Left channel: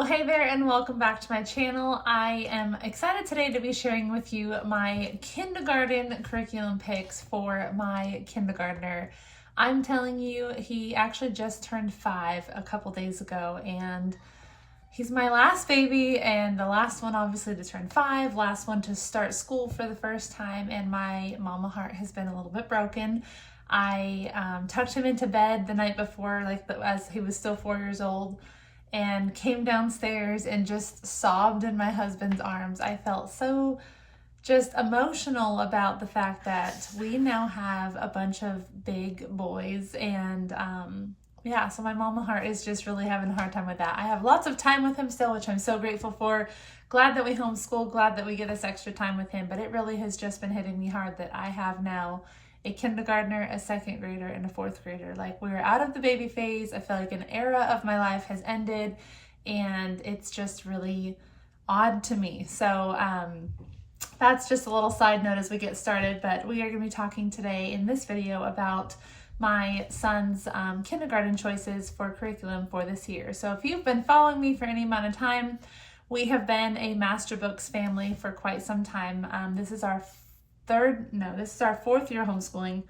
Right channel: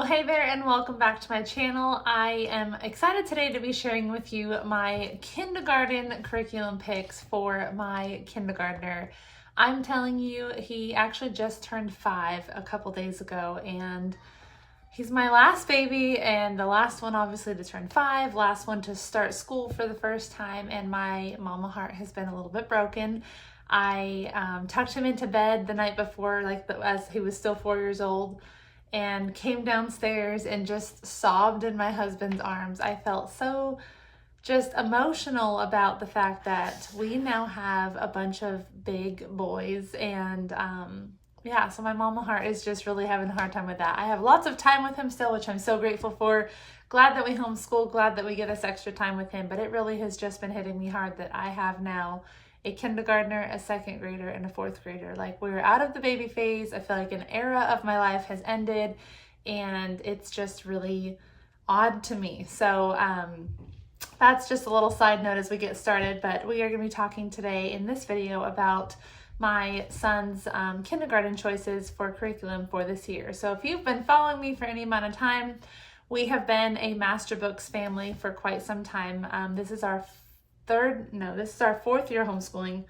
Well, hey there and welcome back to my channel. I am excited today to be sharing with you my kindergarten curriculum picks for my kindergartner. I'm telling you, he actually just turned 5 a couple days ago, and he's my last baby and the last one obviously to turn 5, last one to start school for the first time, and my mama heart has been a little bit broken. I tucked him into bed the night before, as he was still 4 years old, and came downstairs and just sobbed in my husband's arms. I felt so just emotional about the fact that we now have a bunch of big boys, and yeah, so my mama heart is just really having a hard time with that. I have lots of time with him still, which I'm so grateful for. Glad that we homeschool, glad that we get this extra time with him, but it really has just been hitting me hard that I have now a kindergartner, a second grader, and a fourth grader. Like, we're out of the baby phase. I feel like an era of my life has ended, and it's just really odd to me. So that's just a little side note as we get started, but we are going to be talking today in this video about my son's kindergarten choices for curriculum for this year. So if you've been following me for any amount of time, we have been a Master Books family for quite some time. This is our fourth year homeschooling.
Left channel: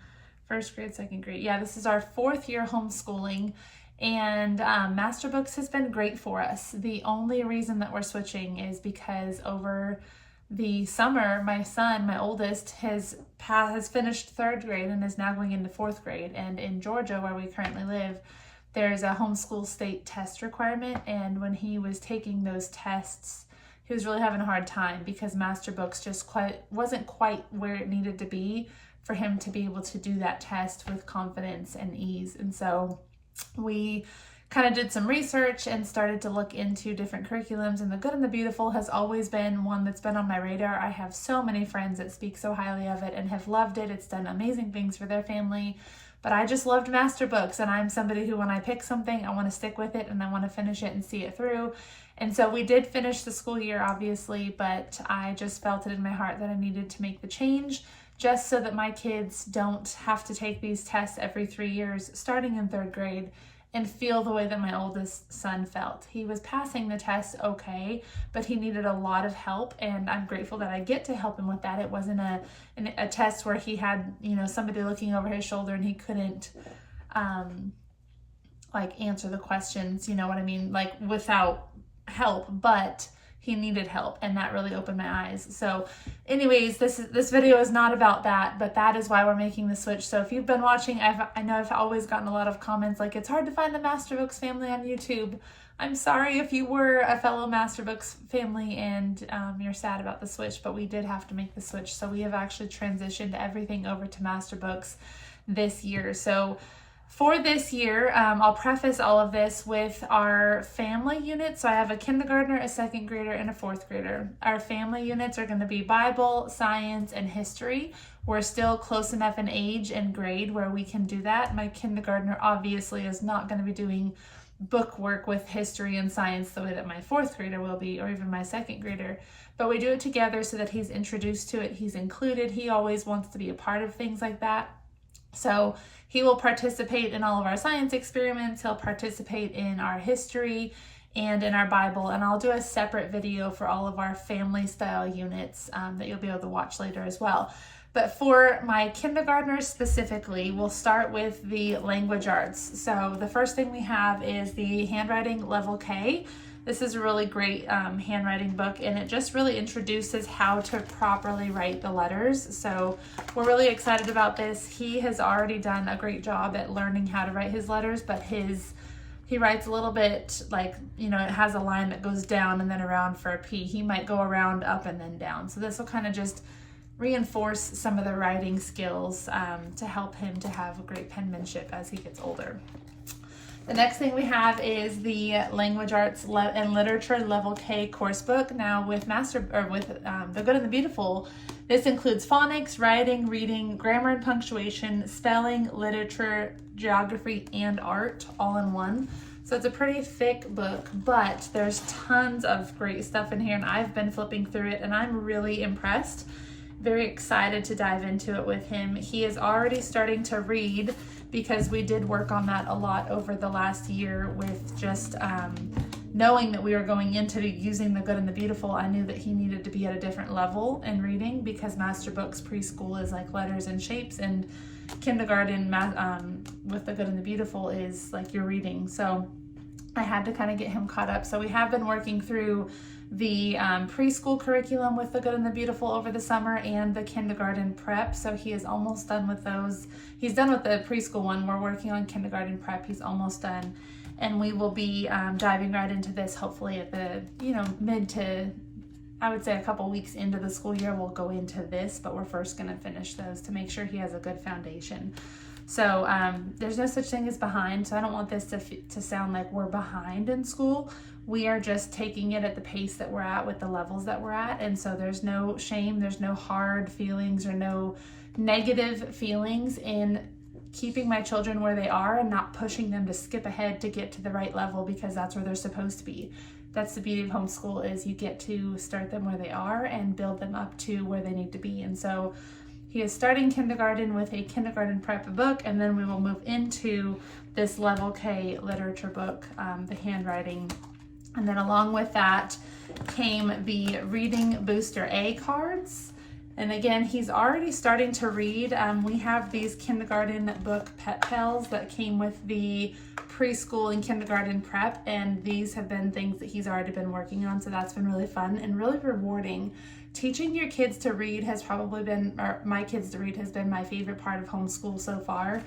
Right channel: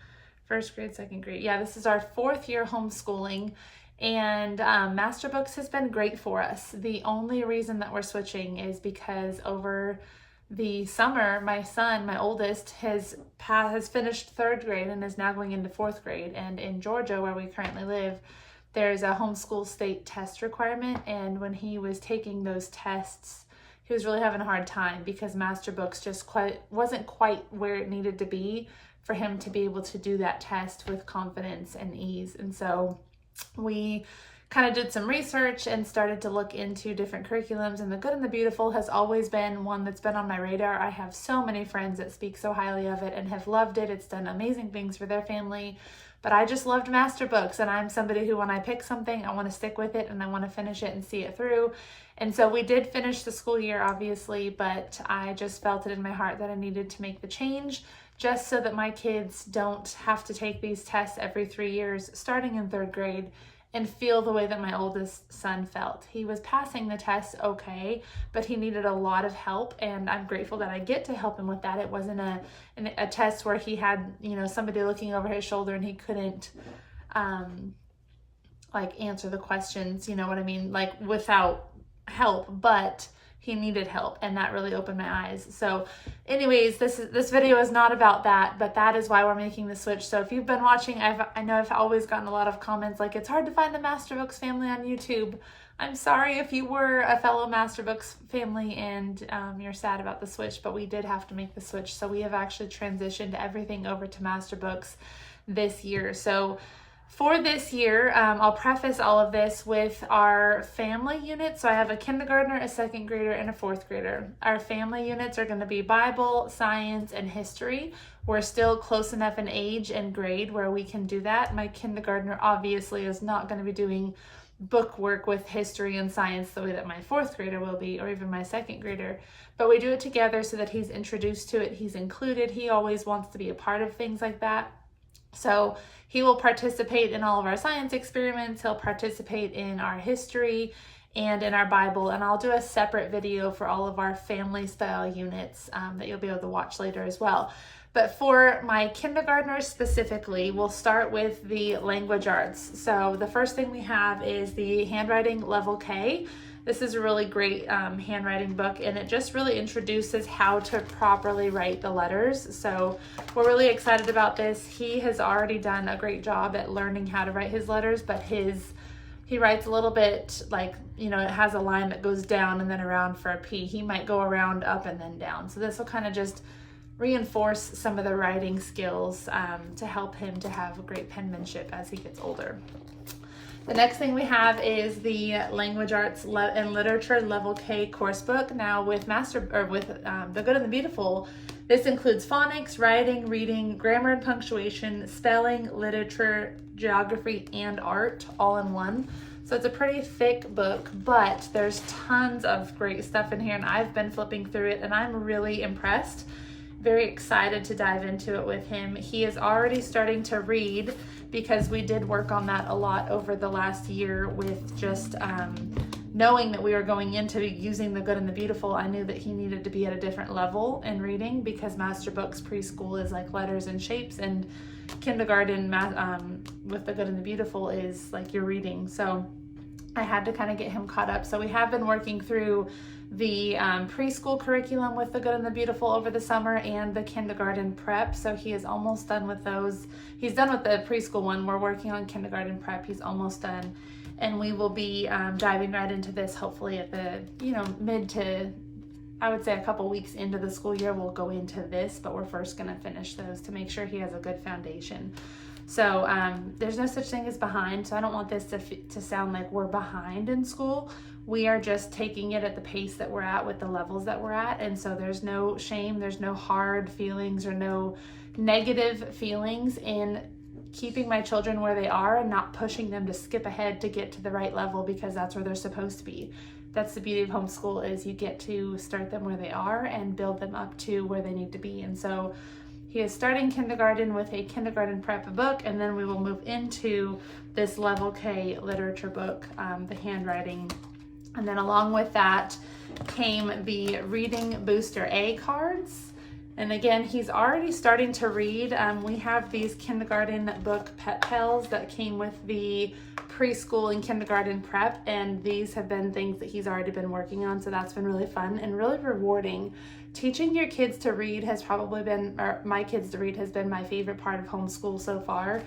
First grade, second grade. Yeah, this is our 4th year homeschooling, and Master Books has been great for us. The only reason that we're switching is because over the summer, my son, my oldest, has finished 3rd grade and is now going into 4th grade. And in Georgia, where we currently live, there's a homeschool state test requirement, and when he was taking those tests, he was really having a hard time because Master Books just wasn't quite where it needed to be for him to be able to do that test with confidence and ease. And so we kind of did some research and started to look into different curriculums, and The Good and the Beautiful has always been one that's been on my radar. I have so many friends that speak so highly of it and have loved it. It's done amazing things for their family, but I just loved Master Books, and I'm somebody who, when I pick something, I want to stick with it and I want to finish it and see it through. And so we did finish the school year, obviously, but I just felt it in my heart that I needed to make the change just so that my kids don't have to take these tests every 3 years starting in 3rd grade and feel the way that my oldest son felt. He was passing the test okay, but he needed a lot of help, and I'm grateful that I get to help him with that. It wasn't a test where he had, somebody looking over his shoulder and he couldn't answer the questions, you know what I mean, without help, but he needed help, and that really opened my eyes. So anyways, this video is not about that, but that is why we're making the switch. So if you've been watching, I know I've always gotten a lot of comments like, it's hard to find the Master Books family on YouTube. I'm sorry if you were a fellow Master Books family and you're sad about the switch, but we did have to make the switch. So we have actually transitioned everything over to Master Books this year. So for this year, I'll preface all of this with our family units. So I have a kindergartner, a second grader, and a 4th grader. Our family units are going to be Bible, science, and history. We're still close enough in age and grade where we can do that. My kindergartner obviously is not going to be doing book work with history and science the way that my 4th grader will be, or even my second grader. But we do it together so that he's introduced to it, he's included. He always wants to be a part of things like that. So he will participate in all of our science experiments, he'll participate in our history and in our Bible, and I'll do a separate video for all of our family style units that you'll be able to watch later as well. But for my kindergartners specifically, we'll start with the language arts. So the first thing we have is the handwriting level K. This is a really great handwriting book, and it just really introduces how to properly write the letters. So we're really excited about this. He has already done a great job at learning how to write his letters, but he writes a little bit it has a line that goes down and then around for a P. He might go around, up, and then down. So this will kind of just reinforce some of the writing skills to help him to have great penmanship as he gets older. The next thing we have is the Language Arts and Literature Level K course book. Now with The Good and the Beautiful, this includes phonics, writing, reading, grammar and punctuation, spelling, literature, geography, and art all in one. So it's a pretty thick book, but there's tons of great stuff in here, and I've been flipping through it and I'm really impressed. Very excited to dive into it with him. He is already starting to read because we did work on that a lot over the last year with just knowing that we were going into using the Good and the Beautiful, I knew that he needed to be at a different level in reading, because Master Books preschool is like letters and shapes, and kindergarten with the Good and the Beautiful is like your reading. So I had to kind of get him caught up. So we have been working through the preschool curriculum with the Good and the Beautiful over the summer, and the kindergarten prep. So he is almost done with those. He's done with the preschool one. We're working on kindergarten prep. He's almost done. And we will be diving right into this hopefully at the, mid to, I would say a couple weeks into the school year, we'll go into this, but we're first gonna finish those to make sure he has a good foundation. So there's no such thing as behind, so I don't want this to sound like we're behind in school. We are just taking it at the pace that we're at with the levels that we're at, and so there's no shame, there's no hard feelings or no negative feelings in keeping my children where they are and not pushing them to skip ahead to get to the right level, because that's where they're supposed to be. That's the beauty of homeschool, is you get to start them where they are and build them up to where they need to be. And so he is starting kindergarten with a kindergarten prep book, and then we will move into this level K literature book, the handwriting. And then along with that came the Reading Booster A cards. And again, he's already starting to read. We have these kindergarten book pet pals that came with the preschool and kindergarten prep, and these have been things that he's already been working on, so that's been really fun and really rewarding. Teaching your kids to read has probably been, or my kids to read has been my favorite part of homeschool so far,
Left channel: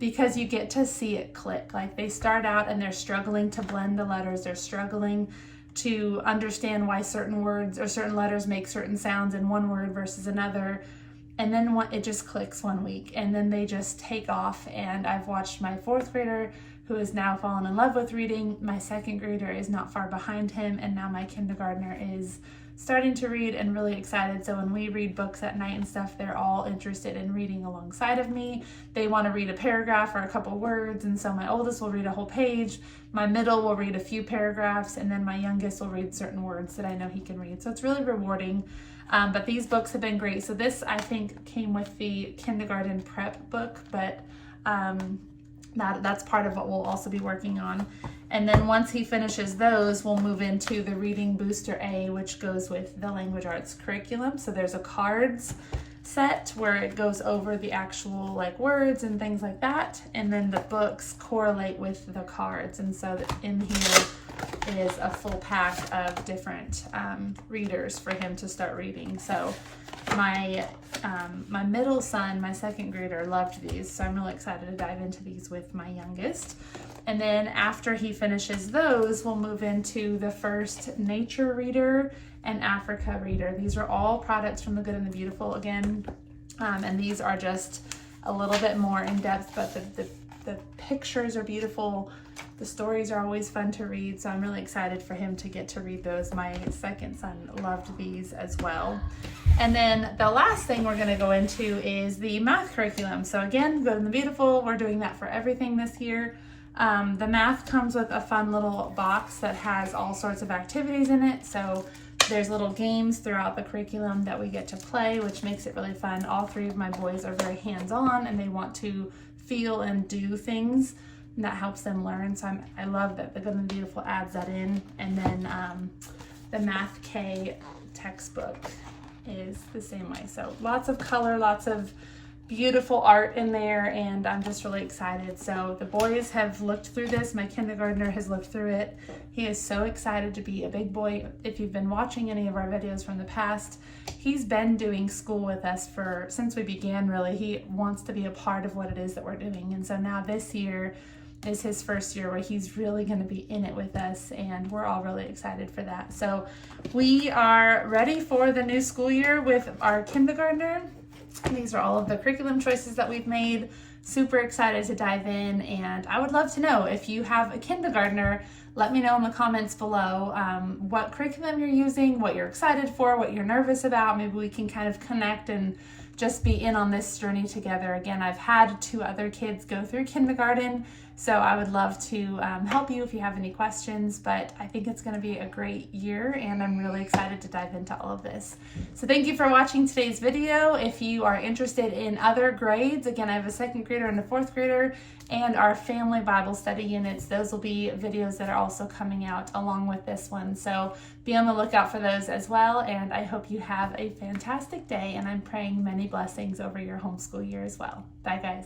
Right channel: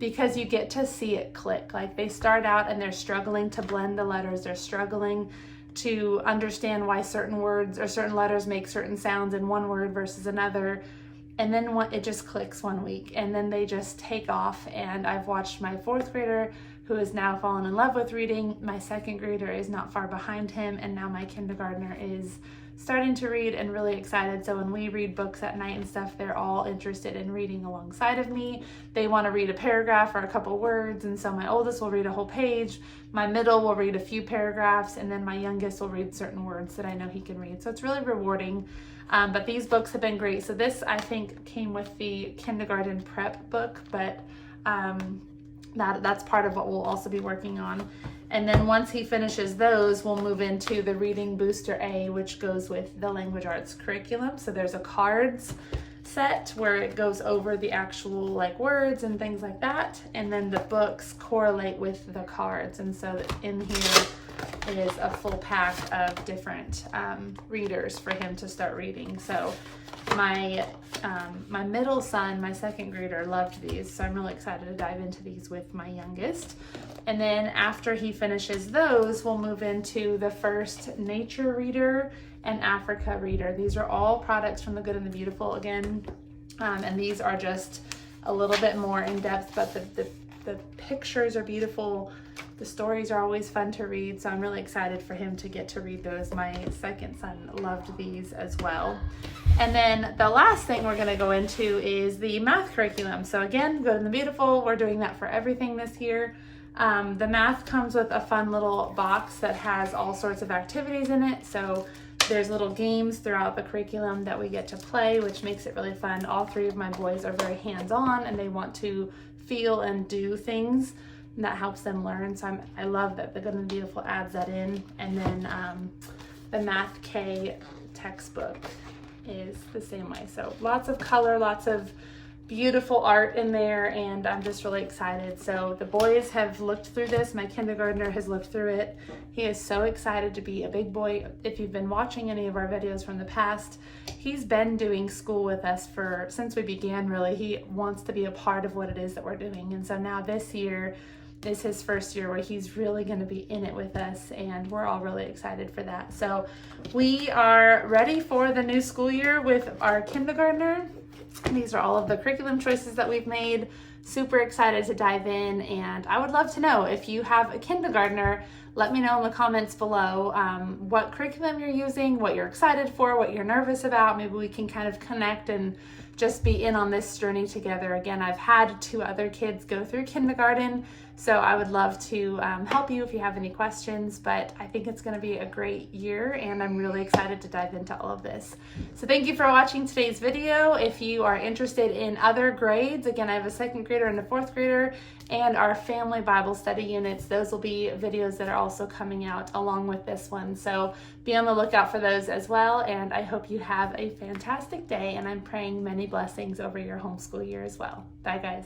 because you get to see it click. Like, they start out and they're struggling to blend the letters, they're struggling to understand why certain words or certain letters make certain sounds in one word versus another. And then it just clicks one week, and then they just take off. And I've watched my 4th grader, who has now fallen in love with reading. My 2nd grader is not far behind him, and now my kindergartner is starting to read and really excited. So when we read books at night and stuff, they're all interested in reading alongside of me. They want to read a paragraph or a couple words, and so my oldest will read a whole page, my middle will read a few paragraphs, and then my youngest will read certain words that I know he can read. So it's really rewarding. But these books have been great. So this, I think, came with the kindergarten prep book, but that's part of what we'll also be working on. And then once he finishes those, we'll move into the Reading Booster A, which goes with the language arts curriculum. So there's a cards set where it goes over the actual like words and things like that, and then the books correlate with the cards. And so in here is a full pack of different readers for him to start reading. So my middle son, my 2nd grader, loved these, so I'm really excited to dive into these with my youngest. And then after he finishes those, we'll move into the first nature reader and Africa reader. These are all products from the Good and the Beautiful again, and these are just a little bit more in depth, but the pictures are beautiful. The stories are always fun to read, so I'm really excited for him to get to read those. My 2nd son loved these as well. And then the last thing we're gonna go into is the math curriculum. So again, Good and the Beautiful, we're doing that for everything this year. The math comes with a fun little box that has all sorts of activities in it. So there's little games throughout the curriculum that we get to play, which makes it really fun. All 3 of my boys are very hands-on, and they want to feel and do things, and that helps them learn. So I love that the Good and the Beautiful adds that in. And then the Math K textbook is the same way. So lots of color, lots of beautiful art in there, and I'm just really excited. So the boys have looked through this. My kindergartner has looked through it. He is so excited to be a big boy. If you've been watching any of our videos from the past, he's been doing school with us since we began, really. He wants to be a part of what it is that we're doing. And so now this year is his first year where he's really going to be in it with us, and we're all really excited for that. So we are ready for the new school year with our kindergartner. These are all of the curriculum choices that we've made. Super excited to dive in, and I would love to know if you have a kindergartner. Let me know in the comments below what curriculum you're using, what you're excited for, what you're nervous about. Maybe we can kind of connect and just be in on this journey together. Again, I've had 2 other kids go through kindergarten. So I would love to help you if you have any questions, but I think it's going to be a great year and I'm really excited to dive into all of this. So thank you for watching today's video. If you are interested in other grades, again, I have a 2nd grader and a 4th grader and our family Bible study units. Those will be videos that are also coming out along with this one. So be on the lookout for those as well. And I hope you have a fantastic day, and I'm praying many blessings over your homeschool year as well. Bye guys.